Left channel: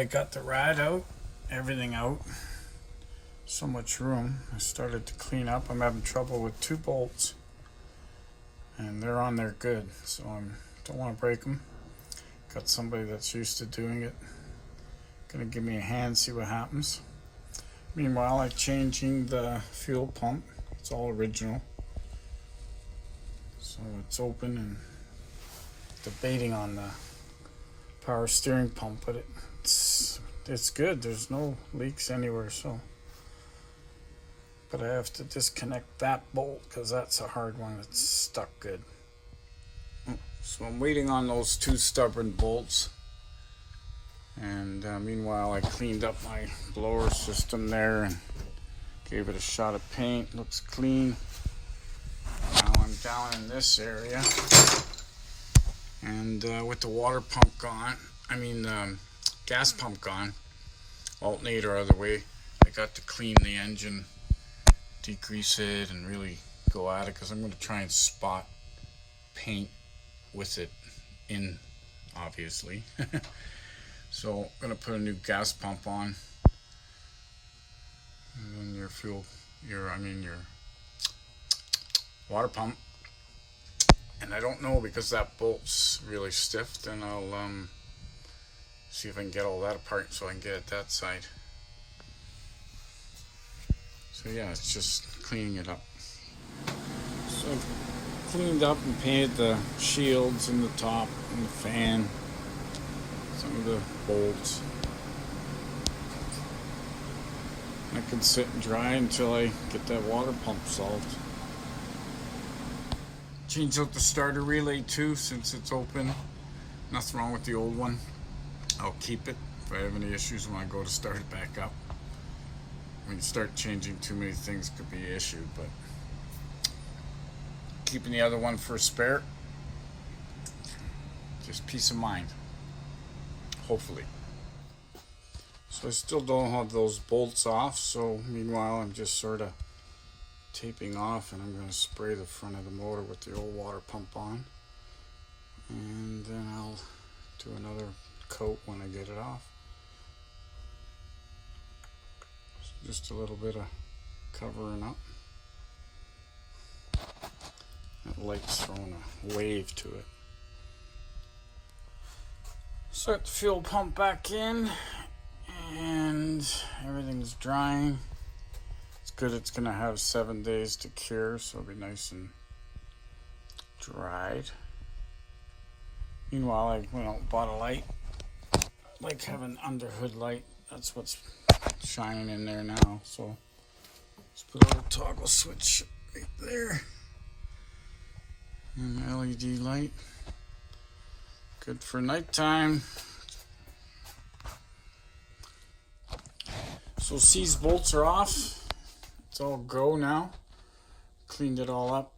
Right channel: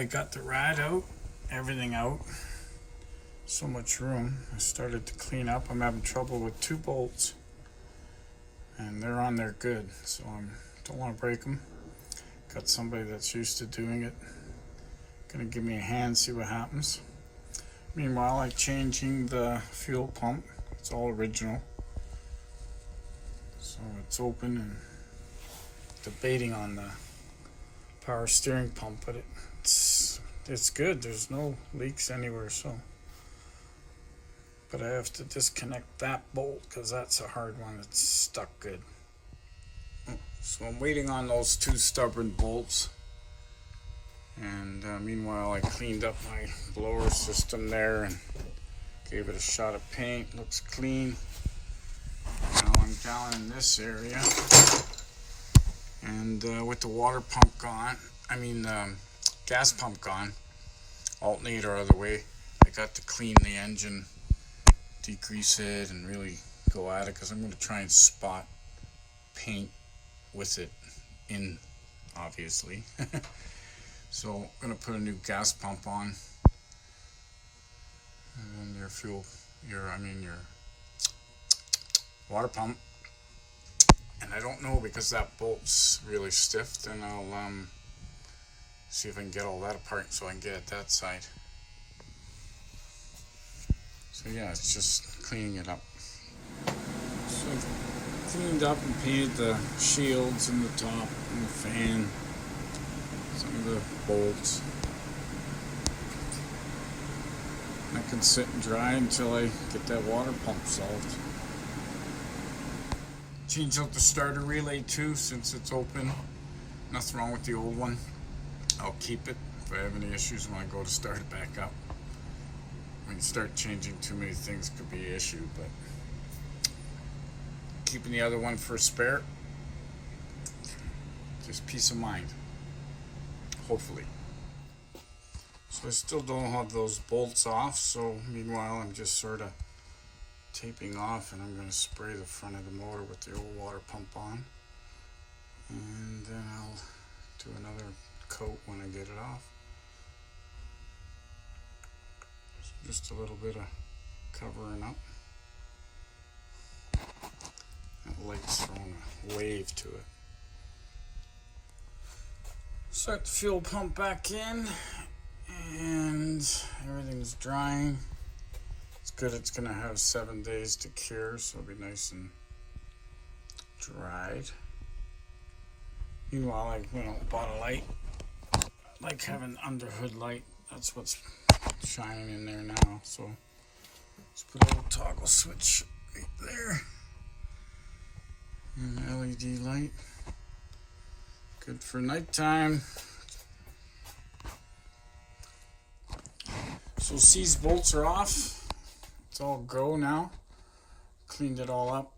I got the rad out, everything out, so much room, I started to clean up. I'm having trouble with 2 bolts, and they're on there good, so I don't want to break them. Got somebody that's used to doing it, gonna give me a hand, see what happens. Meanwhile, I'm changing the fuel pump. It's all original, so it's open, and debating on the power steering pump, but it's good. There's no leaks anywhere, so. But I have to disconnect that bolt because that's a hard one. It's stuck good. So I'm waiting on those 2 stubborn bolts. And meanwhile, I cleaned up my blower system there and gave it a shot of paint. Looks clean. Now I'm down in this area. And with the water pump gone, gas pump gone, alternator out of the way, I got to clean the engine, degrease it, and really go at it, because I'm going to try and spot paint with it in, obviously. So I'm going to put a new gas pump on, and then your water pump. And I don't know, because that bolt's really stiff, then I'll see if I can get all that apart so I can get it that side. So yeah, it's just cleaning it up. So I've cleaned up and painted the shields and the top and the fan, some of the bolts. I can sit and dry until I get that water pump solved. Change out the starter relay too, since it's open. Nothing wrong with the old one. I'll keep it if I have any issues when I go to start it back up. I mean, start changing too many things could be an issue, but keeping the other one for a spare, just peace of mind, hopefully. So I still don't have those bolts off, so meanwhile I'm just sort of taping off, and I'm going to spray the front of the motor with the old water pump on, and then I'll do another coat when I get it off. So just a little bit of covering up. That light's throwing a wave to it. Set the fuel pump back in, and everything's drying. It's good. It's gonna have 7 days to cure, so it'll be nice and dried. Meanwhile, I bought a light. I like having under hood light. That's what's shining in there now. So let's put a little toggle switch right there, and an LED light. Good for nighttime. So these bolts are off. It's all go now. Cleaned it all up.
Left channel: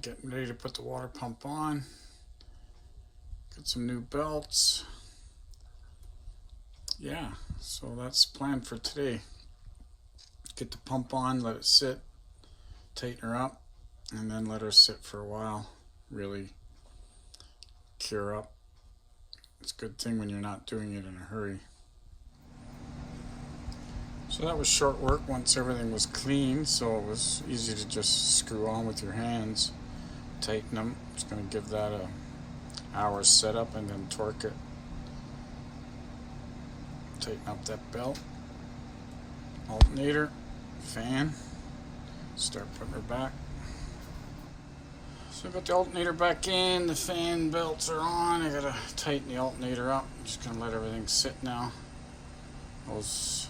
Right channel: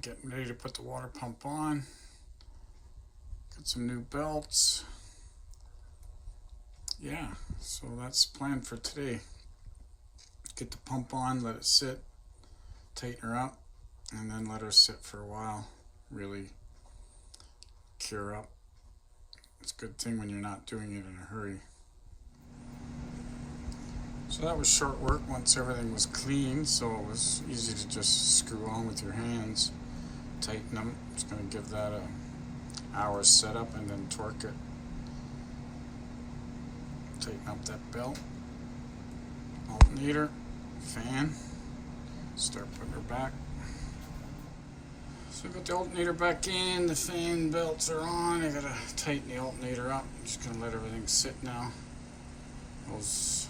Getting ready to put the water pump on. Got some new belts. Yeah, so that's the plan for today. Get the pump on, let it sit, tighten her up, and then let her sit for a while. Really cure up. It's a good thing when you're not doing it in a hurry. So that was short work once everything was clean, so it was easy to just screw on with your hands, tighten them. Just going to give that an hour's setup and then torque it. Tighten up that belt, alternator, fan, start putting her back. So I got the alternator back in, the fan belts are on. I gotta tighten the alternator up. I'm just gonna let everything sit now. Those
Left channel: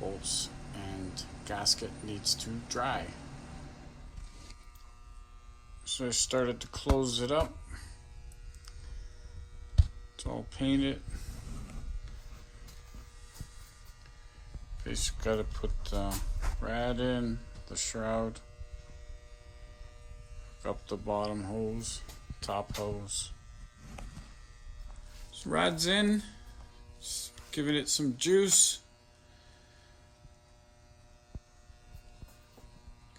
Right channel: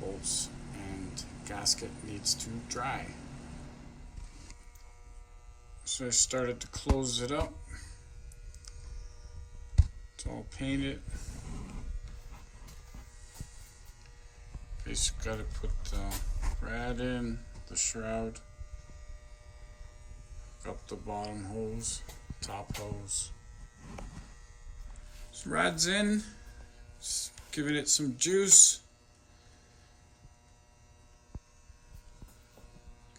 bolts and gasket needs to dry. So I started to close it up. It's all painted. Basically got to put the rad in, the shroud, up the bottom hose, top hose. So rad's in, just giving it some juice.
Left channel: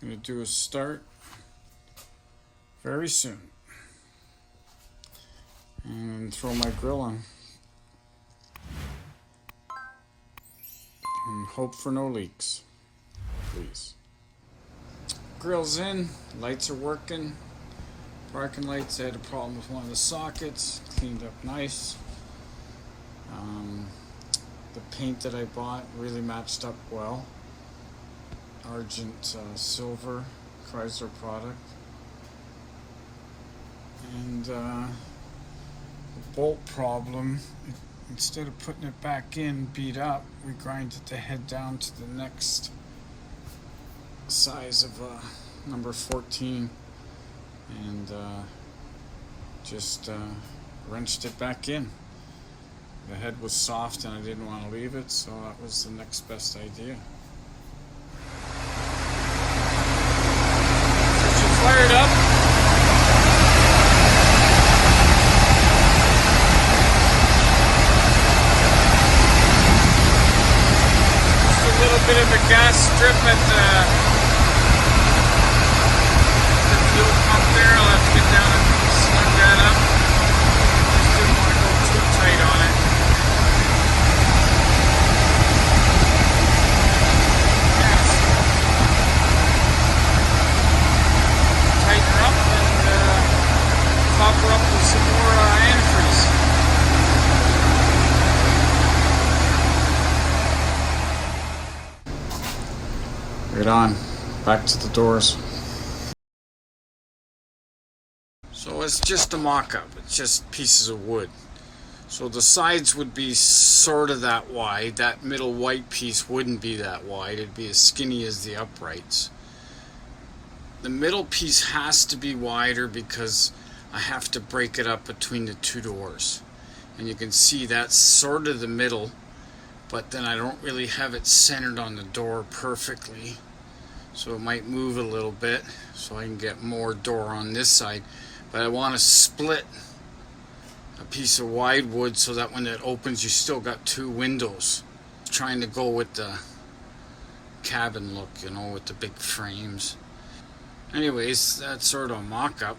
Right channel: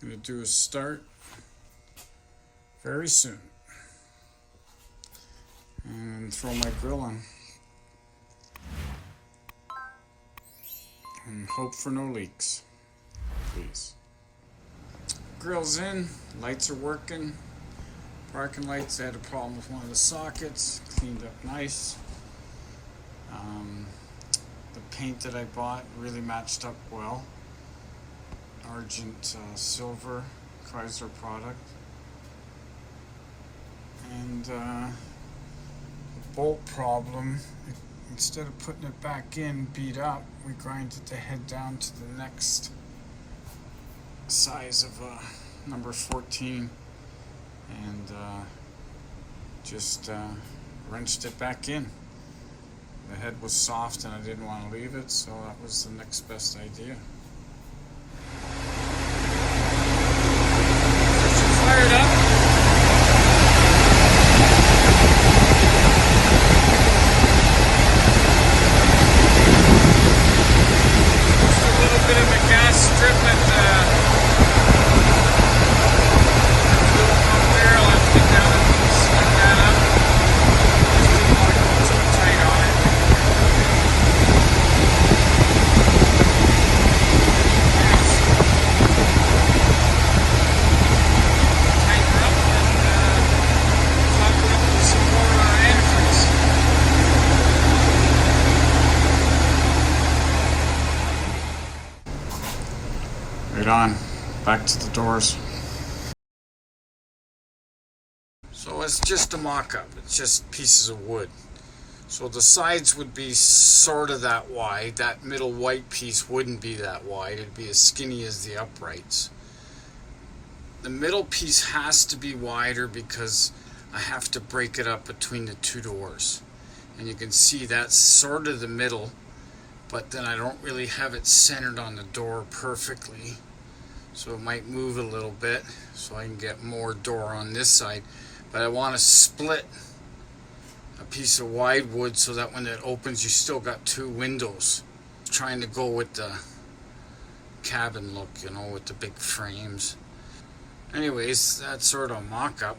Gonna do a start very soon, and throw my grill on. and hope for no leaks, please. Grill's in, lights are working. Parking lights, I had a problem with one of the sockets, cleaned up nice. The paint that I bought really matched up well. Argent silver Chrysler product. And the bolt problem, instead of putting it back in beat up, we grinded the head down to the next size of number 14 and just wrenched it back in. The head was soft and I didn't want to leave it, so that was the next best idea. Fired up. Just a little bit of a gas strip and right on, back to the doors. So it's just a mock-up, it's just pieces of wood. So the sides would be sort of that wide, that middle white piece wouldn't be that wide, it'd be as skinny as the uprights. The middle piece has to be wider because I have to break it up between the two doors. And you can see that's sort of the middle, but then I don't really have it centered on the door perfectly. So it might move a little bit so I can get more door on this side. But I want to split a piece of wide wood so that when it opens you still got two windows. Trying to go with the cabin look, you know, with the big frames. Anyways, that's sort of a mock-up.